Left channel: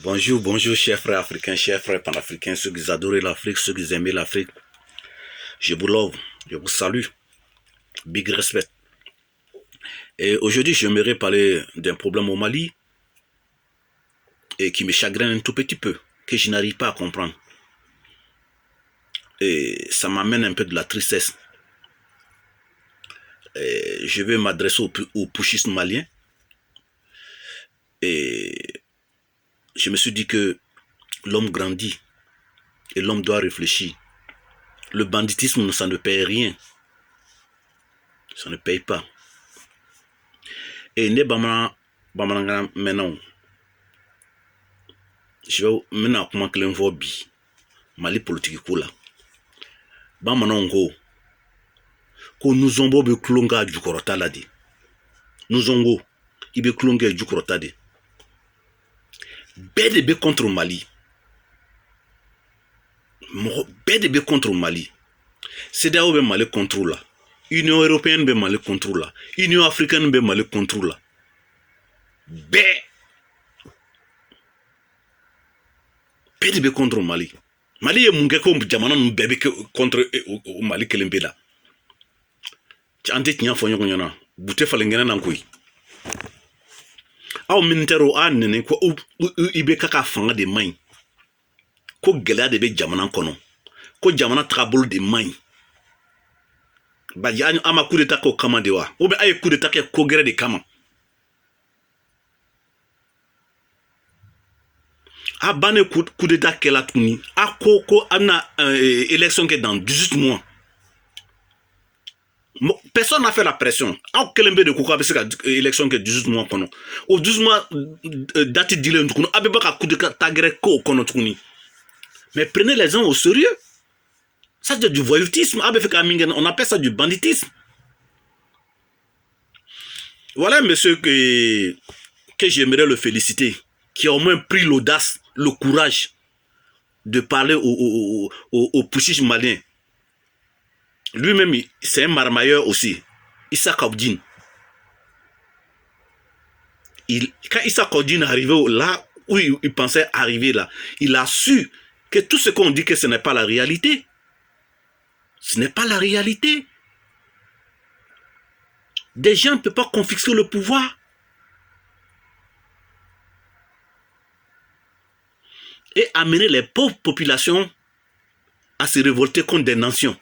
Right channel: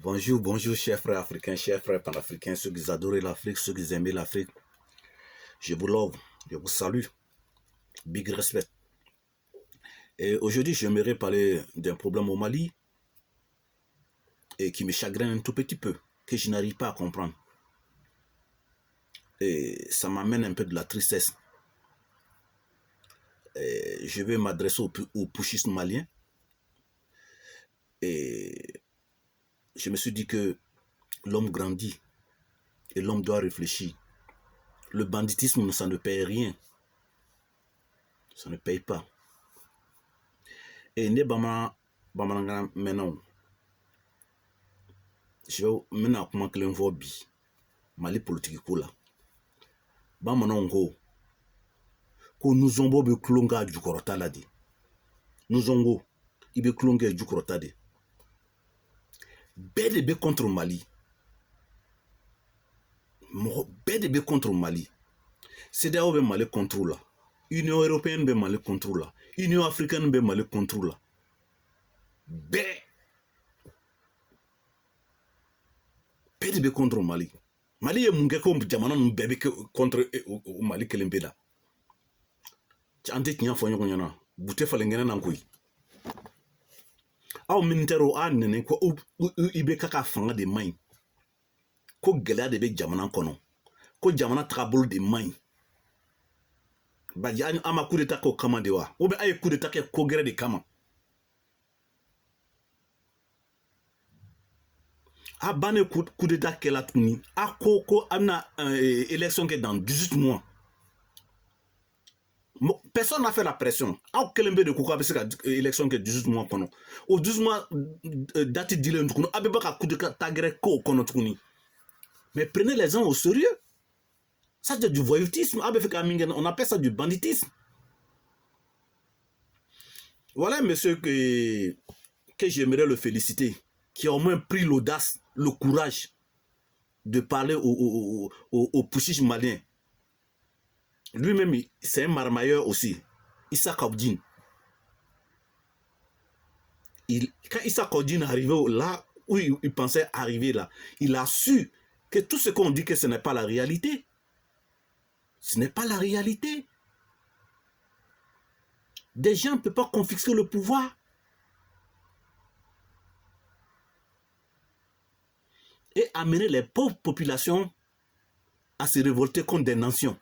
Bonjour, bonjour, chers frères africains, chers frères panafricains, ceux qui adorent l'Afrique, ceux qui aiment l'Afrique. Je vous love, je vous salue. Big respect. Et aujourd'hui, j'aimerais parler d'un problème au Mali et qui me chagrine un tout petit peu, que je n'arrive pas à comprendre. Et ça m'amène un peu de la tristesse. Et je vais m'adresser aux pushistes maliens. Et je me suis dit que l'homme grandit et l'homme doit réfléchir. Le banditisme, ça ne paye rien. Ça ne paye pas. Et ne bamanan maintenant, je vais maintenant comment que l'on bi Mali politique ko la. Bamanan ko nous ombo be klonga jukorota la de. Nous ongo ibe klonga jukorota de. Bede be contre Mali. Bede be contre Mali. CEDEAO be Mali contre la. Union européenne be Mali contre la. Union africaine be Mali contre la. Bede be contre Mali. Mali ye munge ko jamana nu bebe contre Mali kelembe la. Ante tinya fo nyoko nyana bute fale ngena nan koy aw ministero nene ko ibe kaka fanga de main ko gela de be jamana kono ko jamana trabol de main ba ya ama coup d'état ko kama de wa o be ay coup d'état ko gere de kama a bane coup d'état kela tuni a ko ana élection que dans 18 mois. Personne n'a fait la pression. En Kelembe de Kouka, c'est l'élection que 18 mois. Au 12 mois, date d'il mais prenez les gens au sérieux. Ça, c'est du voyoutisme. On appelle ça du banditisme. Voilà, monsieur, que j'aimerais le féliciter, qui a au moins pris l'audace, le courage de parler aux pushistes maliens. Lui-même, c'est un marmailleur aussi. Issa Kaudin. Quand Issa Kaudin est arrivé là où il pensait arriver là, il a su que tout ce qu'on dit que ce n'est pas la réalité. Ce n'est pas la réalité. Des gens ne peuvent pas confisquer le pouvoir. Et amener les pauvres populations à se révolter contre des nations.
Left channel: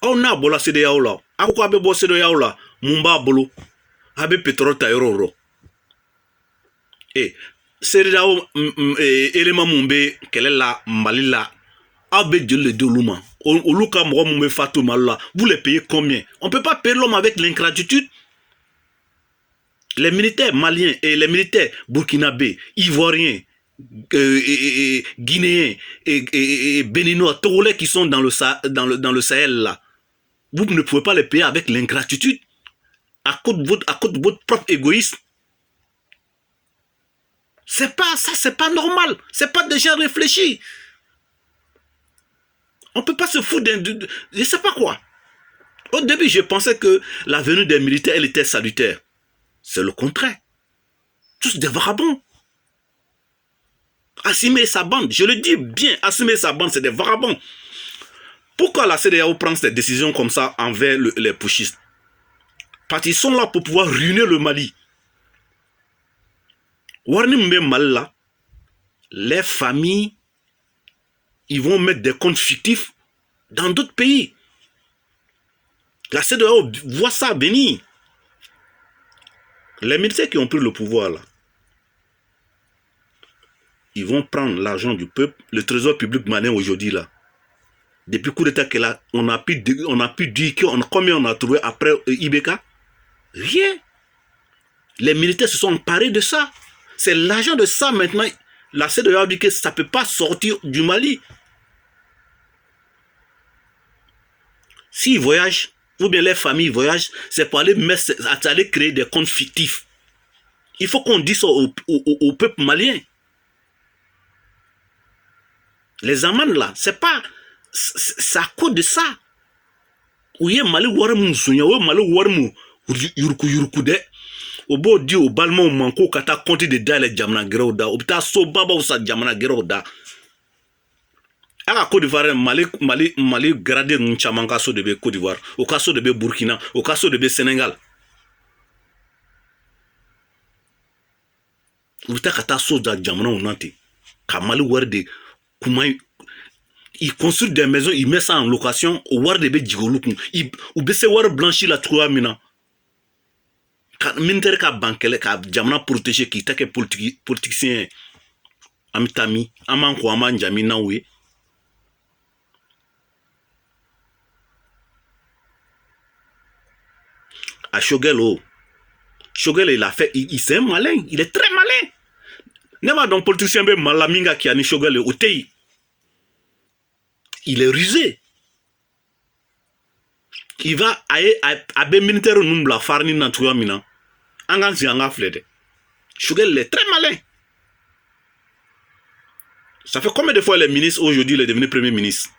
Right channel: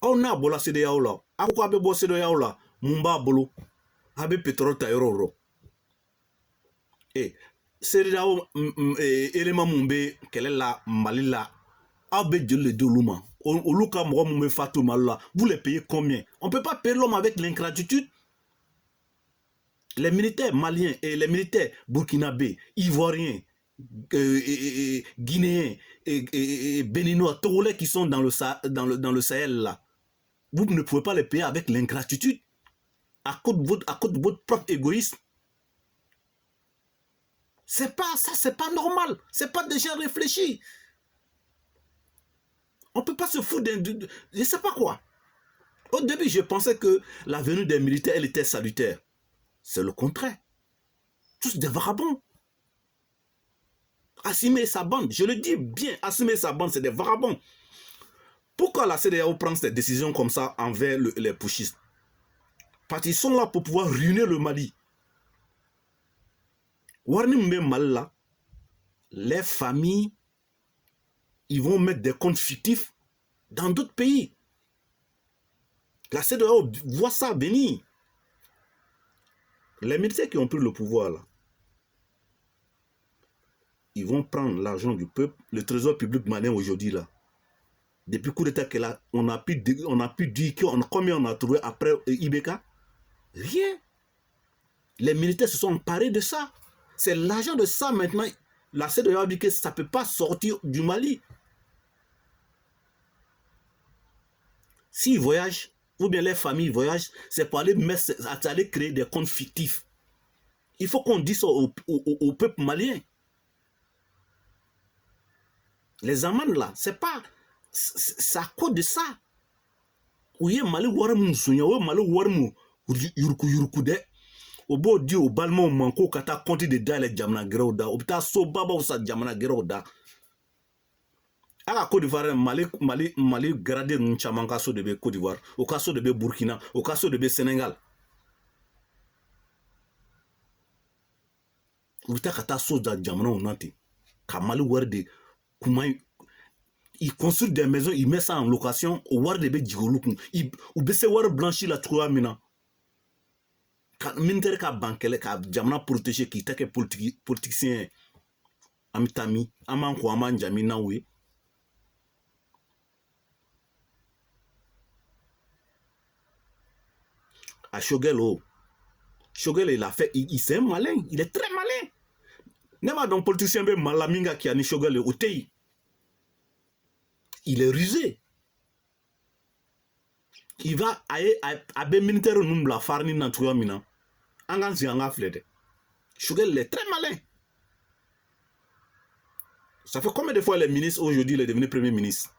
On a bola CEDEAO là. Ako abe bo CEDEAO là. Mumba bolo. Abe pétrole ta euro. Et CEDEAO élément mumbe kele la Mali là. Abe de le doluma. Oluka mwa mumbe fatou mal vous les payez combien? On ne peut pas payer l'homme avec l'ingratitude. Les militaires maliens et les militaires burkinabés, ivoiriens, guinéens et béninois, togolais qui sont dans le Sahel là. Vous ne pouvez pas les payer avec l'ingratitude à cause de votre propre égoïsme. C'est pas ça, c'est pas normal. C'est pas déjà réfléchi. On peut pas se foutre de je sais pas quoi. Au début, je pensais que la venue des militaires, elle était salutaire. C'est le contraire. Tous des vagabonds. Assumer sa bande, je le dis bien, assumer sa bande, c'est des vagabonds. Pourquoi la CEDEAO prend ces décisions comme ça envers les pushistes? Parce qu'ils sont là pour pouvoir ruiner le Mali. Là, les familles, ils vont mettre des comptes fictifs dans d'autres pays. La CEDEAO voit ça venir. Les militaires qui ont pris le pouvoir là, ils vont prendre l'argent du peuple, le trésor public malien aujourd'hui là. Depuis coup d'état que là, on a pu dire combien on a trouvé après Ibeka. Rien. Les militaires se sont emparés de ça. C'est l'argent de ça maintenant. La CEDEAO dit que ça ne peut pas sortir du Mali. S'ils voyagent, ou bien les familles voyagent, c'est pour aller créer des comptes fictifs. Il faut qu'on dise ça au peuple malien. Les amendes là, c'est pas... C'est à cause de ça. Où il y a Mali Warmou Sounya, Mali Warmou Yurku de. o b'o di o balimaw ma ko ka taa compte de dayɛlɛ jamana gɛrɛw da o bɛ taa so babaw sa jamana gɛrɛw da a ka Côte d'Ivoire Mali gradé ninnu caman ka so de bɛ Côte d'Ivoire o ka so de bɛ Burkina o ka so de bɛ Sénégal u bɛ taa ka taa so da jamanaw na ten ka Mali wari de kuma il construit des maisons il met ça en location o wari de bɛ jigin olu kun u bɛ se wari blanchi la cogoya min na ka militaire ka ban kɛlɛ ka jamana protéger k'i ta kɛ politicien ye an bɛ taa min an b'an ko an b'an jami n'aw ye à Choguel Choguel il a fait c'est un malin il est très malin ne m'a donc politicien be malaminga qui a ni Choguel au tei il est rusé il va à be militaire numbla farni na tuya mina angan si anga flede Choguel est très malin ça fait combien de fois les ministres aujourd'hui il est devenu premier ministre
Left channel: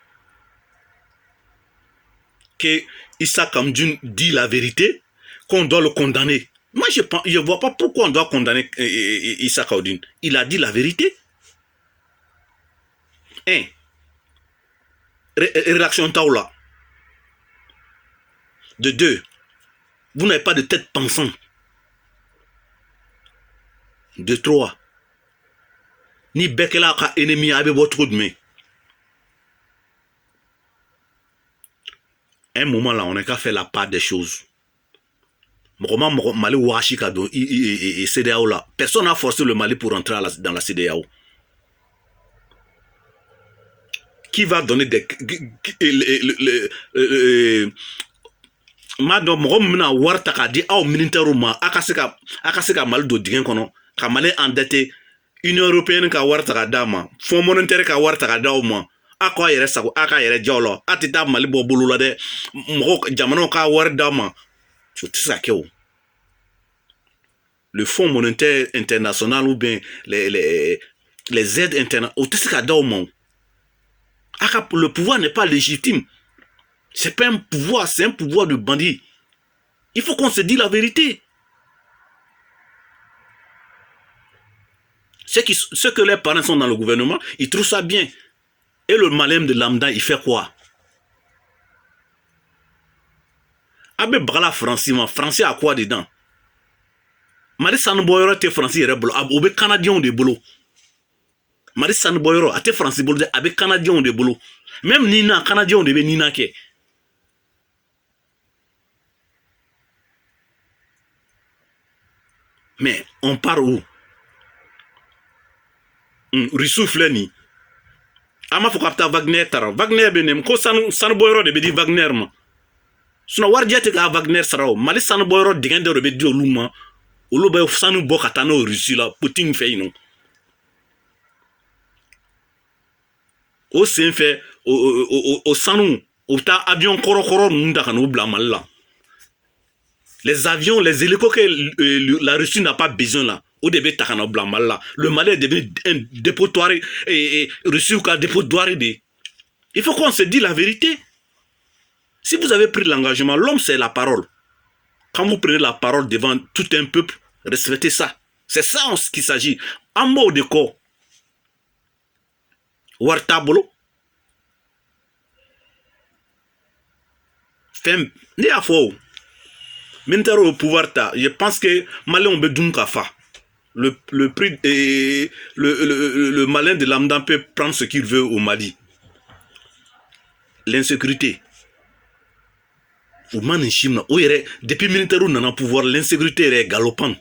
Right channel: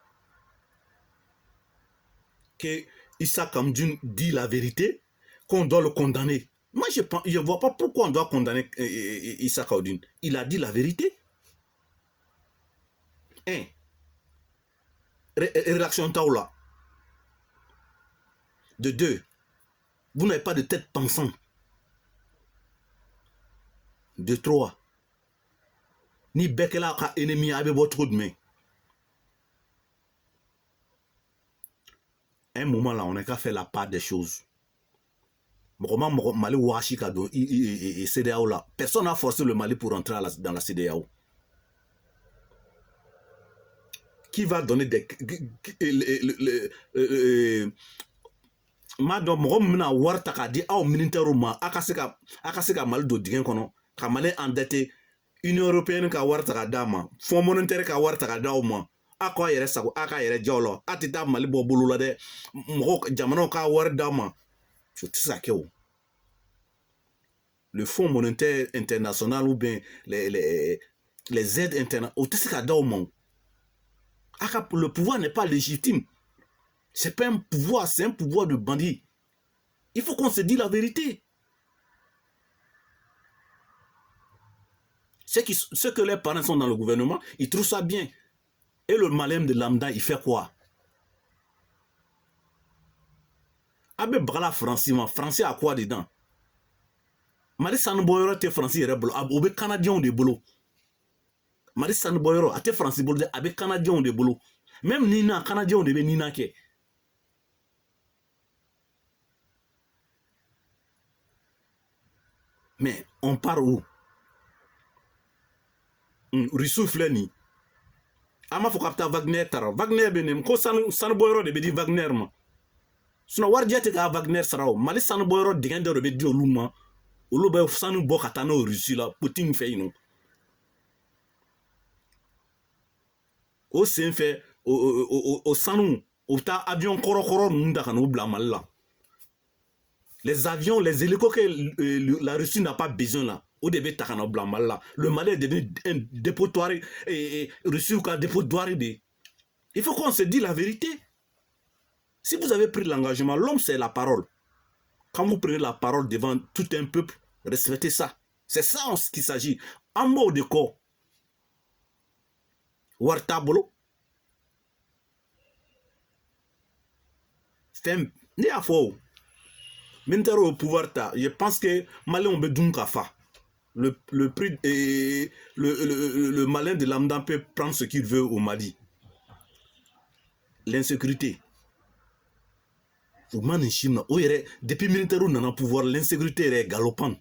que Issa Kamdjoun dit la vérité qu'on doit le condamner. Moi, je ne vois pas pourquoi on doit condamner Issa Kamdjoun. Il a dit la vérité. Un, réaction taoula. De deux, vous n'avez pas de tête pensante. De trois, ni Bekela ka ennemi avec votre de main. Un moment là, on n'a qu'à faire la part des choses. Mali Ouachika et CDAO là. Personne n'a forcé le Mali pour entrer dans la CDAO. Qui va donner des... Madame, Mona Wartaka dit au militaire ma akaseka Mali do dingen kono, ka Mali endetté, Union européenne ka Wartaka dama, Fonds monétaire ka Wartaka dama. Aka yere sago aka yere jolo atita Mali bo bulula de mo jamano ka war dama tout ça que le Fonds monétaire international ou bien les aides internationales tout ça dama aka le pouvoir n'est pas légitime c'est pas un pouvoir c'est un pouvoir de bandit il faut qu'on se dise la vérité ceux que les parents sont dans le gouvernement ils trouvent ça bien. Et le malin de lambda, il fait quoi? Abe Brala français à quoi dedans? Mari Sanboyoro te français rebolo, abe canadien de boulot. Mari Sanboyoro a te français boulot, abe canadien de boulot. Même Nina, canadien de Nina ke. Mais on part où? Rissou Fleni. Ama fo kapta Wagner tara Wagner benem ko san boyro de be di Wagner ma suna warjate ka Wagner sarao Mali san boyro digende de be di oluma oluba sanu bo katano Russie la Putin fait non o sen fait o sanu o ta avion korokoro nunda kanu bla Mali les avions les hélicoptères que la Russie n'a pas besoin là. Au début, le Mali est devenu un dépotoir et Russie ou un dépotoir. Il faut qu'on se dise la vérité. Si vous avez pris l'engagement, l'homme c'est la parole. Quand vous prenez la parole devant tout un peuple, respectez ça. C'est ça en ce qu'il s'agit. En mot de quoi? Wartabolo. Femme, ni à faux. Maintenant au pouvoir, je pense que Mali on besoin kafa. Le prix et le malin de lambda peut prendre ce qu'il veut au Mali. L'insécurité. Depuis militaire on a pouvoir, l'insécurité est galopante.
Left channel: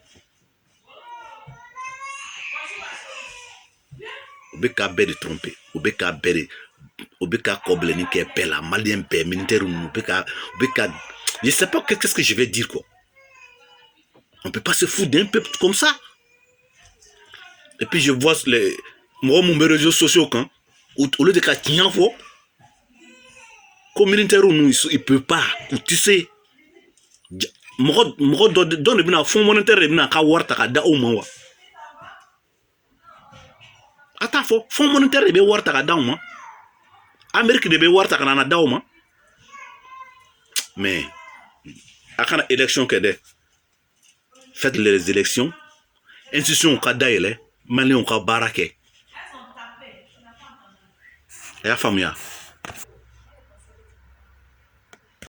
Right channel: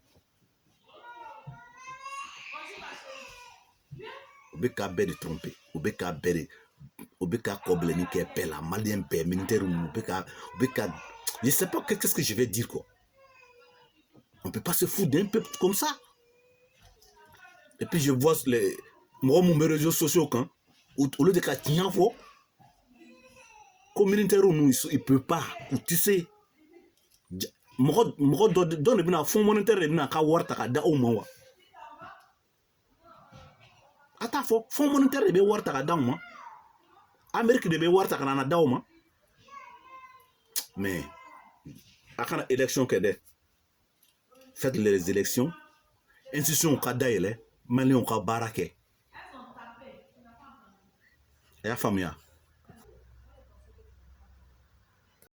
Obeka de tromper, obeka kobleni qui est la malien père militaire obeka je sais pas qu'est-ce que je vais dire quoi. On peut pas se foutre d'un peuple comme ça. Et puis je vois mes réseaux sociaux quand au lieu de qu'à fo comme militaire il peut pas tu sais mo donne bina fonds monétaire bina ka warta ka da o manwa ata fo fonds monétaire be warta ka da o man Amérique de be warta ka na da o man mais akana élection que de faites les élections institution ka dayɛlɛ maliyɛnw ka baara kɛ a y'a faamuya